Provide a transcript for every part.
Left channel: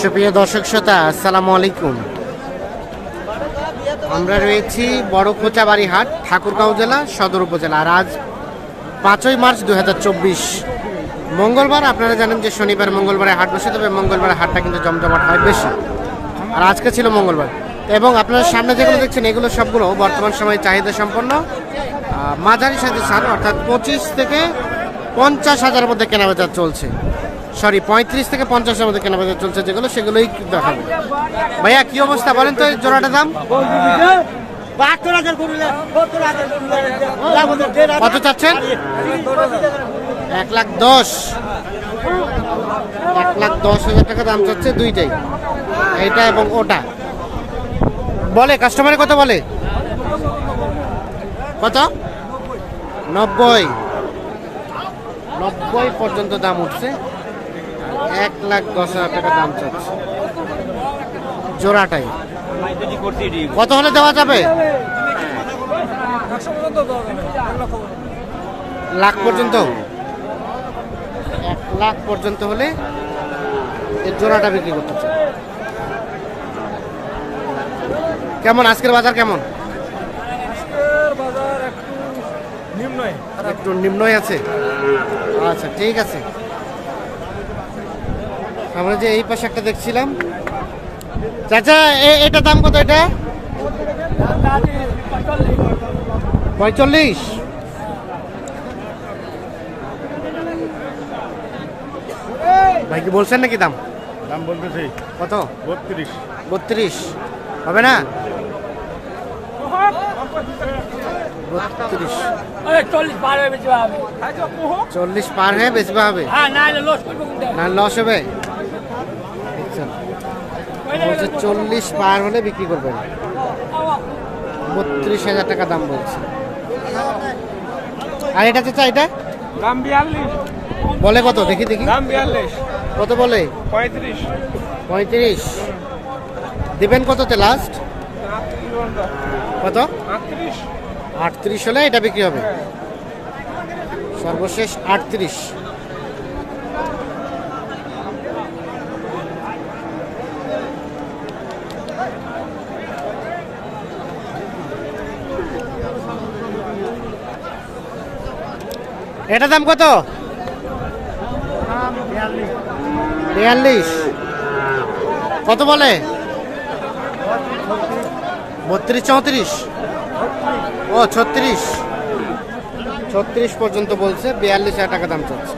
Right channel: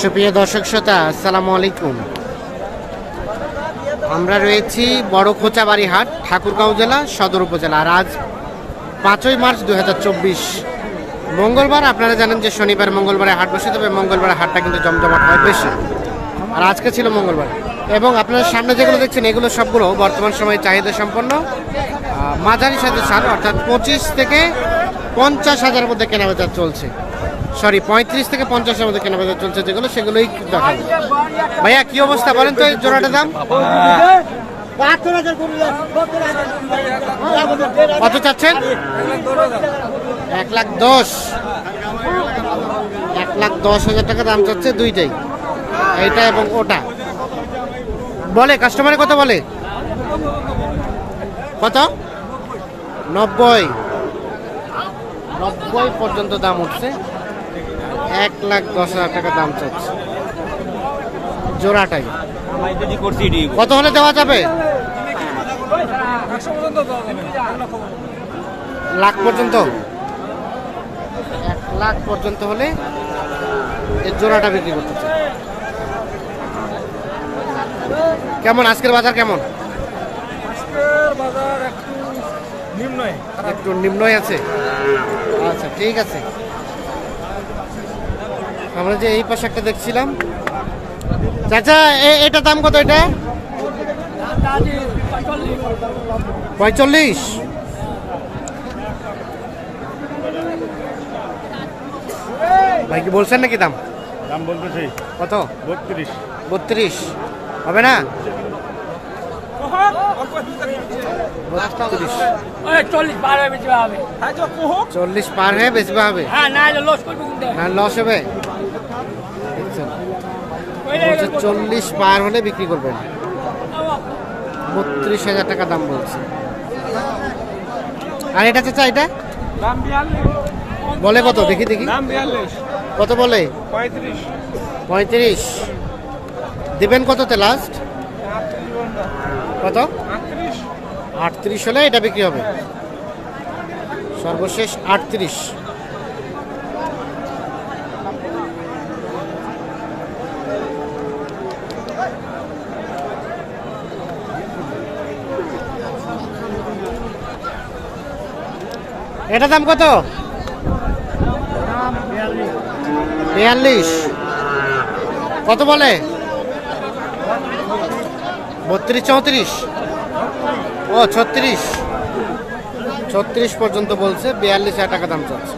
সুপ্রিয় দর্শক শ্রোতা, আসসালামু আলাইকুম। আমরা রয়েছি বড় খোঁচাবাড়ি হাট, ঠাকুরগাঁও জেলা, সদর উপজেলা। আর আজ 5ই মার্চ 2024 মঙ্গলবার। আপনারা জানেন যে শনিবার মঙ্গলবারে হাট বসে, তবে মঙ্গলবারে হাটটা কিন্তু জমজমাট হয় বেশি। আর আজকে ছিল মঙ্গলবার, এবং আপনারা সামনে যেগুলো দেখছেন এগুলো সবগুলো বর্তমান সময়ে চাহিদা সম্পন্ন মাঝারি সাইজের সার, অর্থাৎ 25 থেকে 50 হাজারের মধ্যে কেনাবেচা চলছে। 35 থেকে 50-এর মধ্যে কেনাবেচা চলছে, যেগুলো সেগুলোই দেখাবো। ভাইয়া কি অবস্থা বলেন তো, এই জোড়াটার দাম কত চাচ্ছেন? 1,10,000 টাকা দাম চাচ্ছে দুইটাই, এইটা এবং ওটা। বলে কাস্টমারে কত বলে? কত? 90 পর্যন্ত দাম উঠছে। 1,10,000 টাকা দাম চাচ্ছে জোড়াটাই। কত হলে দেওয়া যাবে? লাখ পর্যন্ত? 1 লাখ পর্যন্ত হলে এই জোড়াটা বিক্রি করতে চাই। কেমন আজকের বাজার? কেমন আজকের বাজার? একটু নিম্নই আছে। আচ্ছা ঠিক আছে। আমরা যে এই পাশে একটা দেখছিলাম, চাচা এটা দাম কত? এটা 45। ভাই কি বলছেন নাকি দাম? দাম বলতেছি কত? 32 হবে না? 32 40 পার হয়ে বেচবে হবে না? লস হবে। 40 পার হলে বিক্রি করবেন। 32,000 টাকা দাম বলছে। আর এটা চাচা, এটা বলে কত? দেখি কত বলে? 35। দিবেন কততে লাস্ট? কত? 38 হলে এটা বিক্রি হবে। সর্বশেষ 38। এটা দাম কত? 42। কত বলে? 32 34? ও 36 পর্যন্ত বলছে। 42,000 টাকা দাম চাচ্ছে।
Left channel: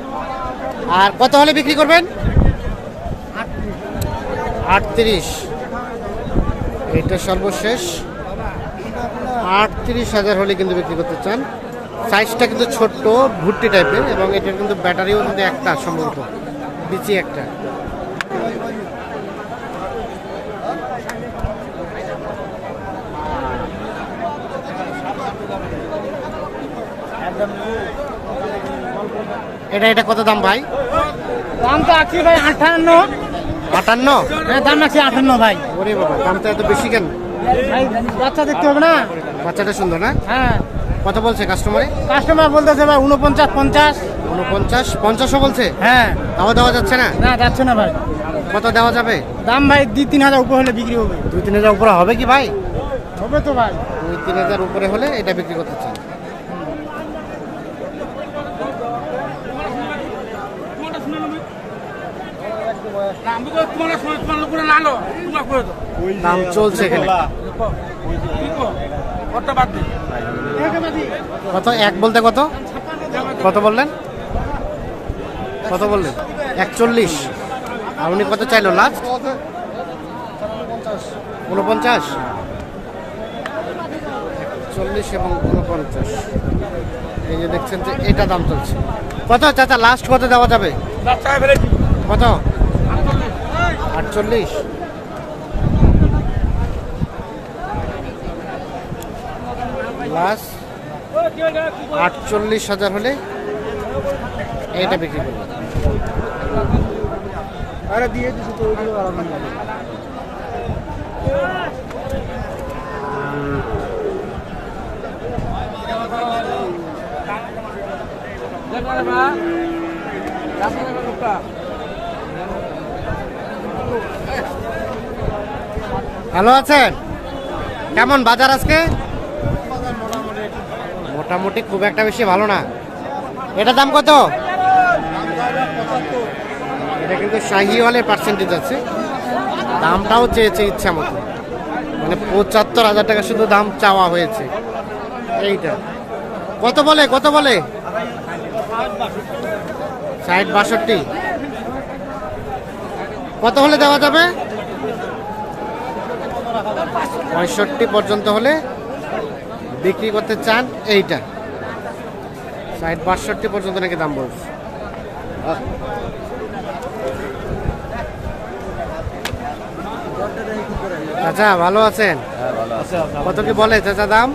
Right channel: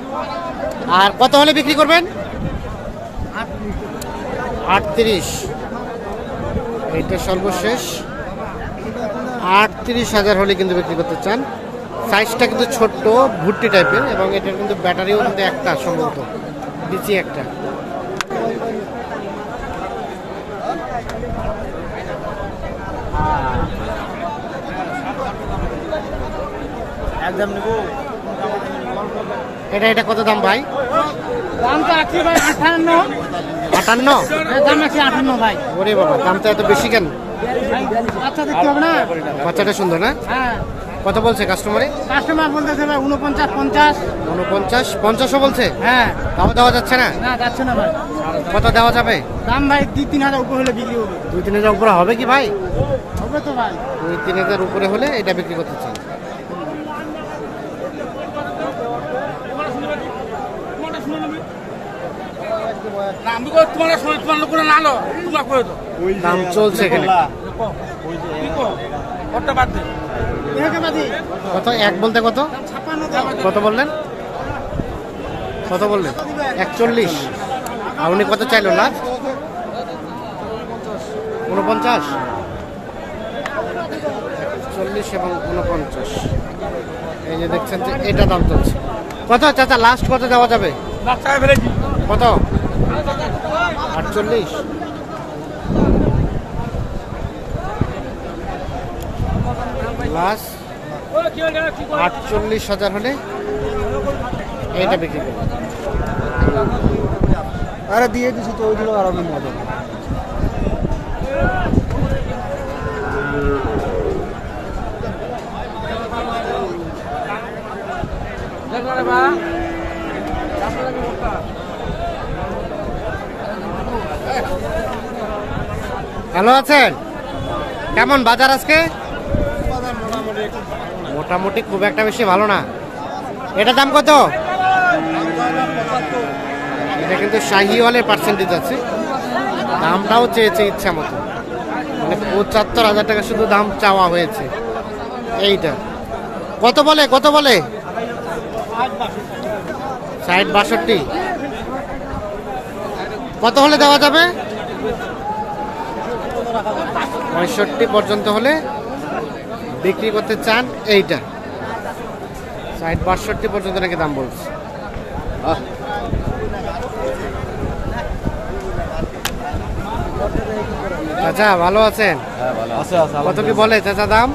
আর কত হলে বিক্রি করবেন? 38। এইটা সর্বশেষ 38,000 হলে কিন্তু বিক্রি করতে চান। সাইজটা কিন্তু ছোট্ট, ভুট্টি টাইপের, এবং এটার কিন্তু ব্যাটারিও কিন্তু একটা, সম্ভবত বিচি একটা। এটা কত দাম ভাই? দাম তো আছে ভাই 58। 58? দাম আছে 58 ভাই। ওরে বাবা, দামটা এত বেশি কেন? বাচ্চা দেখতে হবে না? বাচ্চাটা সুন্দর না? হ্যাঁ। কত বলছে কাস্টমার বলতেছে ভাই 49 50। 49 50ও বলছে? হ্যাঁ। তাও দেওয়া যাচ্ছে না? না, যাচ্ছে না ভাই। কত দেওয়া যাবে? দাম ভাই 2-3 হাজার উপরে হলে বিক্রি হবে। 2-3 হাজার উপরে হবে কি ভাই? হবে তো ভাই। 2-3 হাজার উপরে হলে এটা বিক্রি করতে চান। দাম চলছে এখানে। কত? এক বলতে কত? কত বললেন? 41। আর উনি কত চাইলো লাস্ট? 49। 41 এবং 49। এই যে দেখছেন যে এটা দাম চলছে। কত চাচা লাস্ট কত দেওয়া যাবে? কত? 48। লাস্ট 48,000 হলে এটা বিক্রি করবো। দিয়ে দিচ্ছি তো, ওইগুলো আর ভালো আছেন? কেমন বাজার আজকে? মোটামুটি খুব একটা বেশি ভালো না। এটা দাম কত? এটা কিন্তু শাহিওয়ালের পার্সেন্টেজ আছে, দামটাও চেয়েছে ইচ্ছা মতো, মানে ৭৫,০০০ টাকা শুধু দাম চাওয়া হয়েছে। এইটা কত বলে? ৬০-৬২। কত হলে দেওয়া যাবে? ৬৫ পর্যন্ত হলে বিক্রি করতে চান। এইটা ৬০-৬২ পর্যন্ত নাকি দাম বলছে। চাচা ভালো আছেন? কত কি বলে চাচা দাম?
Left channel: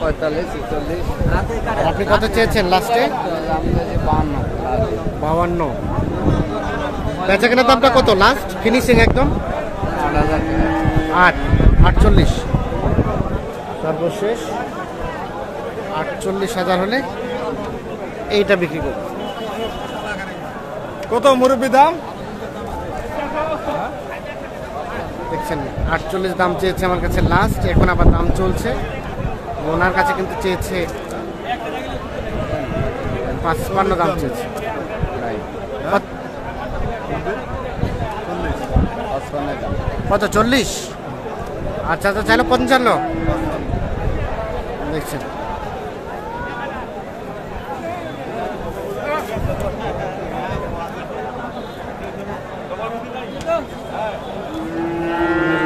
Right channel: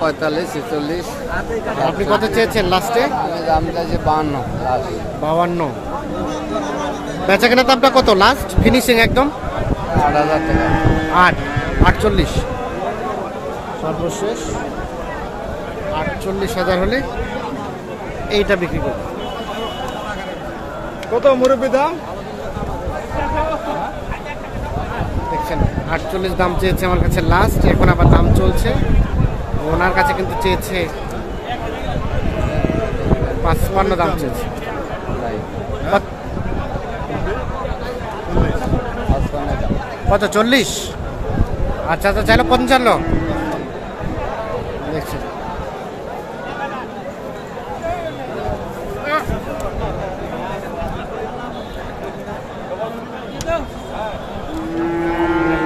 ৪৫-৪৬। আর আপনি কত চেয়েছেন লাস্টে? ৫২। বেচা কেনার দামটা কত লাস্ট ফিনিশিং একদম? ৮-৪৮ সর্বশেষ ৪৮,০০০ হলে এইটা বিক্রি করবে। কত মুরব্বী দাম? দেখছেন ৪৮ দাম চেয়েছে আমার কাছে লাস্ট, এখন আবার দাম চলছে। ওনার কাছে কিন্তু চেয়েছে ৫৫ দাম চেয়েছে। কত? ৪০। আচ্ছা আচ্ছা, চাইলো ৫৫। দেখছেন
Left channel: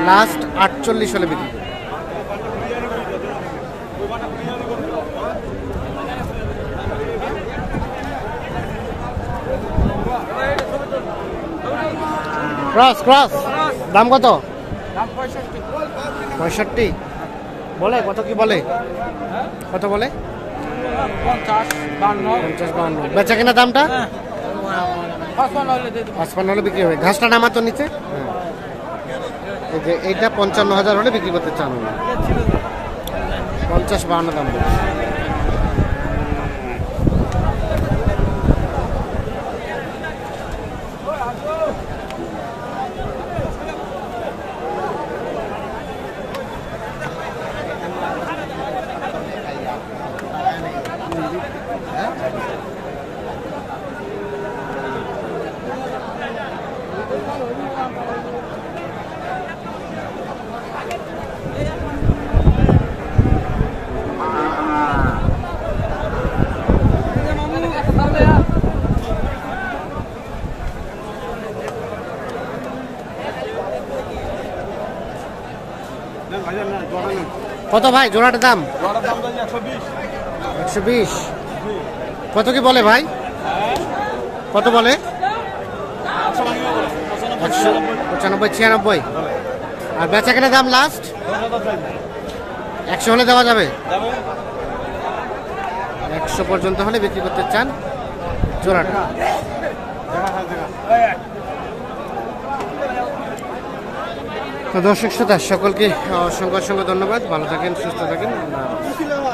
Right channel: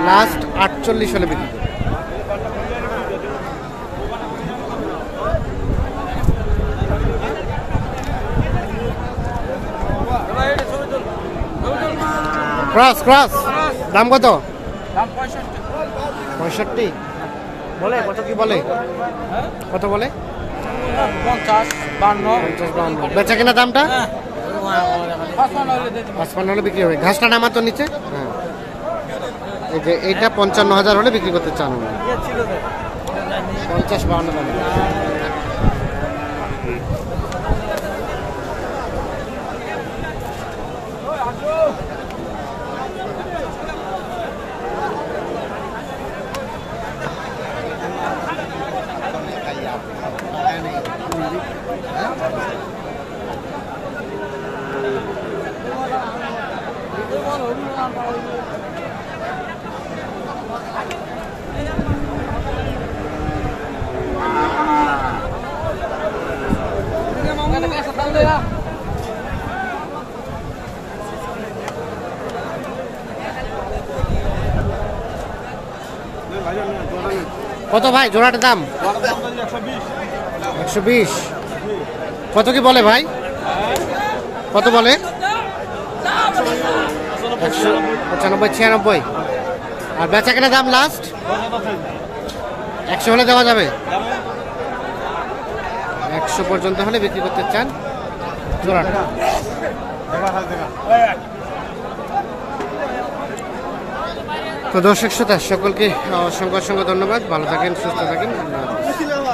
লাস্ট ৪৮ হলে বিক্রি করবে। ক্রস দাম কত? ৬৫ বলে। কত কি বলে? কত বলে? ৫০-৫২। বেচা কিনা দামটা ৫৫ হলে বিক্রি হবে। ঘাসটা নামাতো নিচে। হ্যাঁ, এই যে এইটা ৫৫,০০০ হলে বিক্রি করতে চান উনি। ৫০-৫২ দাম বলছে। কত ভাই জোড়াটার দাম? ১২০। কত কি বলে ভাই? কত বলে? ১৯৫-৯৬। আর বেচা কেনা দাম লাস্ট ১০০ হলে দেওয়া যাবে। ১০০ পর্যন্ত হলে বিক্রি করতে চান জোড়াটা। তো দর্শক শ্রোতা সকলকে অসংখ্য ধন্যবাদ। ভালো থাকেন, সুস্থ থাকেন। আল্লাহ হাফেজ।